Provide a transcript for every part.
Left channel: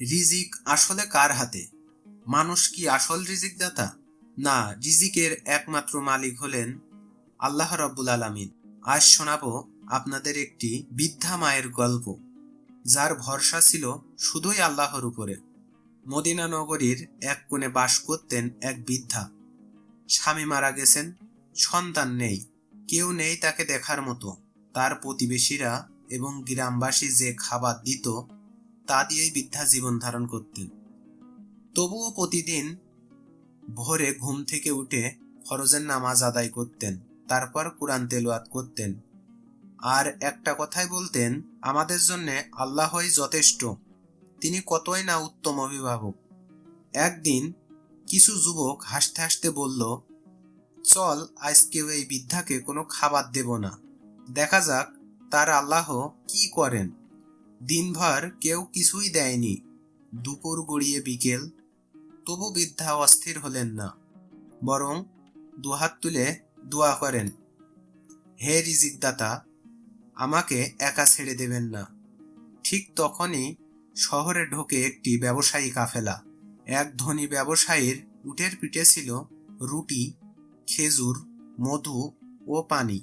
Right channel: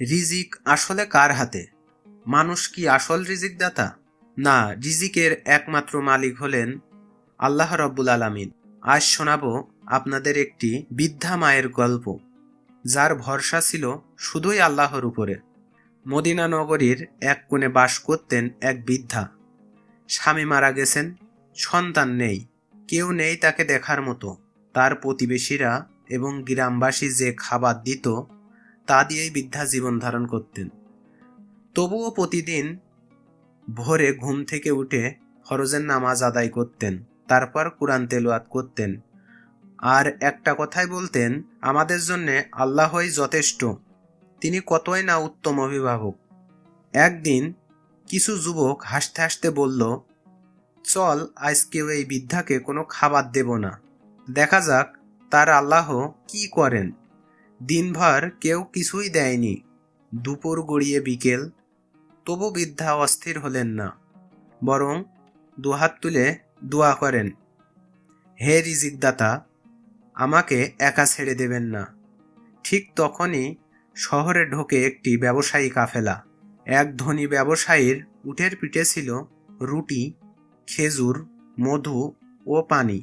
রিজিক আসলে কার হাতে? মানুষ কি আসল রিজিক দাতা? না, রিজিকের একমাত্র মালিক হলেন আল্লাহ রাব্বুল আলামিন। আজ শোনাবো আপনাদের একটি বৃদ্ধা মায়ের গল্প, যার ভরসা ছিল শুধুই আল্লাহর উপরে। মদিনা নগরীর এক কোণে বাস করতেন এক বৃদ্ধা। স্বামী মারা গেছেন, সন্তান নেই, কেউ নেই তাকে দেখার মতো। তার প্রতিবেশীরা এবং গ্রামবাসী যে খাবার দিত তা দিয়েই বৃদ্ধা জীবন ধারণ করতেন। তবুও প্রতিদিন ভোরে ঘুম থেকে উঠে ফরজের নামাজ আদায় করতেন, তারপর কুরআন তেলাওয়াত করতেন। আর একটা কথাই বলতেন, আমাদের জন্যে আল্লাহই যথেষ্ট, তিনি কতই না উত্তম অভিভাবক। একদিন কিছু যুবক হাসতে হাসতে বলল, চল আজকেও এই বৃদ্ধাকে কোনো খাবার দেব না, দেখা যাক তার আল্লাহ কি করেন। দিনভর কেউ কিছুই দেয়নি। দুপুর গড়িয়ে বিকেল, তবু বৃদ্ধা অস্থির হলেন না, বরং দুহাত তুলে দোয়া করেন, হে রিজিকদাতা, আমাকে একা ছেড়ে দেবেন না। ঠিক তখনই শহরে ঢোকে একটি ব্যবসায়ী কাফেলা। এক ধনী ব্যবসায়ীর উটের পিঠে ছিল রুটি, খেজুর, মধু ও পানি।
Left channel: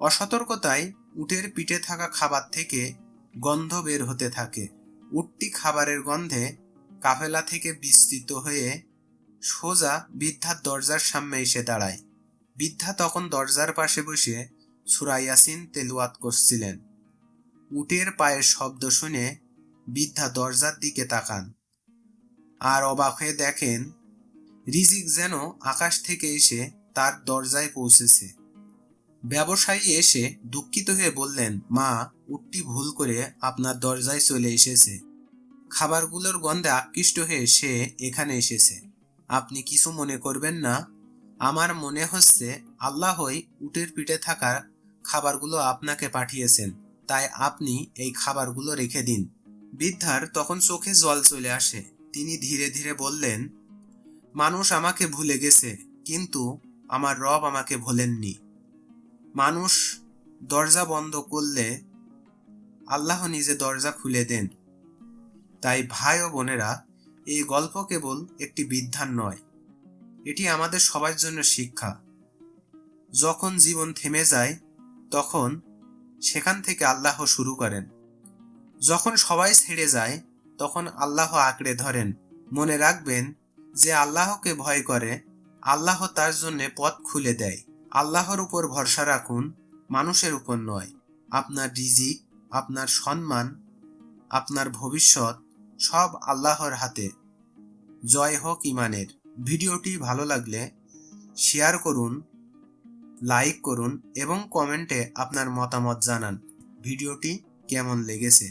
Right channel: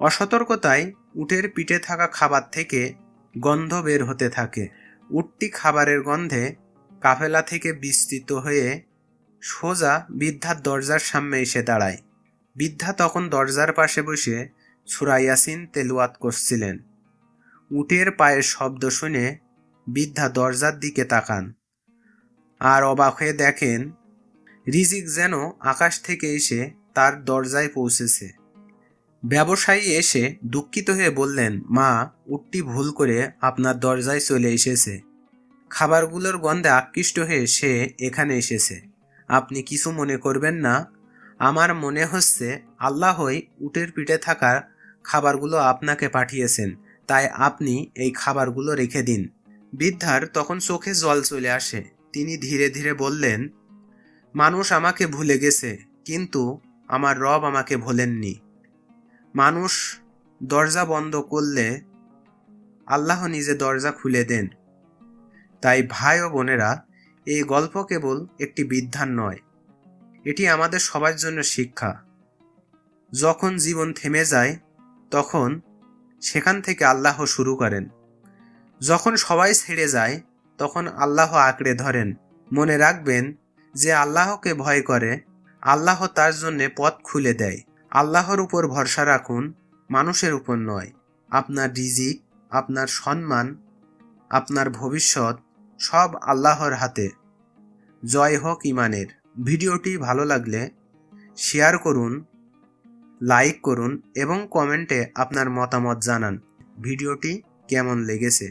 অসতর্কতায় উটের পিঠে থাকা খাবার থেকে গন্ধ বের হতে থাকে। উটটি খাবারের গন্ধে কাফেলা থেকে বিস্তৃত হয়ে সোজা বৃদ্ধার দরজার সামনে এসে দাঁড়ায়। বৃদ্ধা তখন দরজার পাশে বসে সূরা ইয়াসিন তেলাওয়াত করছিলেন। উটের পায়ের শব্দ শুনে বৃদ্ধা দরজার দিকে তাকান, আর অবাক হয়ে দেখেন রিজিক যেন আকাশ থেকে এসে তার দরজায় পৌঁছেছে। ব্যবসায়ী এসে দুঃখিত হয়ে বললেন, মা, উটটি ভুল করে আপনার দরজায় চলে এসেছে। খাবারগুলোর গন্ধে আকৃষ্ট হয়ে সে এখানে এসেছে। আপনি কিছু মনে করবেন না। আমার মনে হচ্ছে আল্লাহই উটের পিঠে থাকা খাবারগুলো আপনাকে পাঠিয়েছেন, তাই আপনি এই খাবারগুলো রেখে দিন। বৃদ্ধার তখন চোখে জল চলে আসে। তিনি ধীরে ধীরে বললেন, মানুষ আমাকে ভুলে গেছে, কিন্তু আমার রব আমাকে ভোলেননি। মানুষ দরজা বন্ধ করলে আল্লাহ নিজে দরজা খুলে দেন। তাই ভাই ও বোনেরা, এই গল্প কেবল একটি বৃদ্ধার নয়, এটি আমাদের সবার জন্য শিক্ষা। যখন জীবন থেমে যায়, তখন সেখান থেকে আল্লাহ শুরু করেন। যখন সবাই ছেড়ে যায়, তখন আল্লাহ আঁকড়ে ধরেন। মনে রাখবেন, যে আল্লাহকে ভয় করে, আল্লাহ তার জন্যে পথ খুলে দেয়। আল্লাহর উপর ভরসা রাখুন, মানুষের উপর নয়। আপনার রিজিক, আপনার সম্মান, আপনার ভবিষ্যৎ সব আল্লাহর হাতে। জয় হোক ইমানের। ভিডিওটি ভালো লাগলে শেয়ার করুন, লাইক করুন এবং কমেন্টে আপনার মতামত জানান ভিডিওটি কেমন লেগেছে।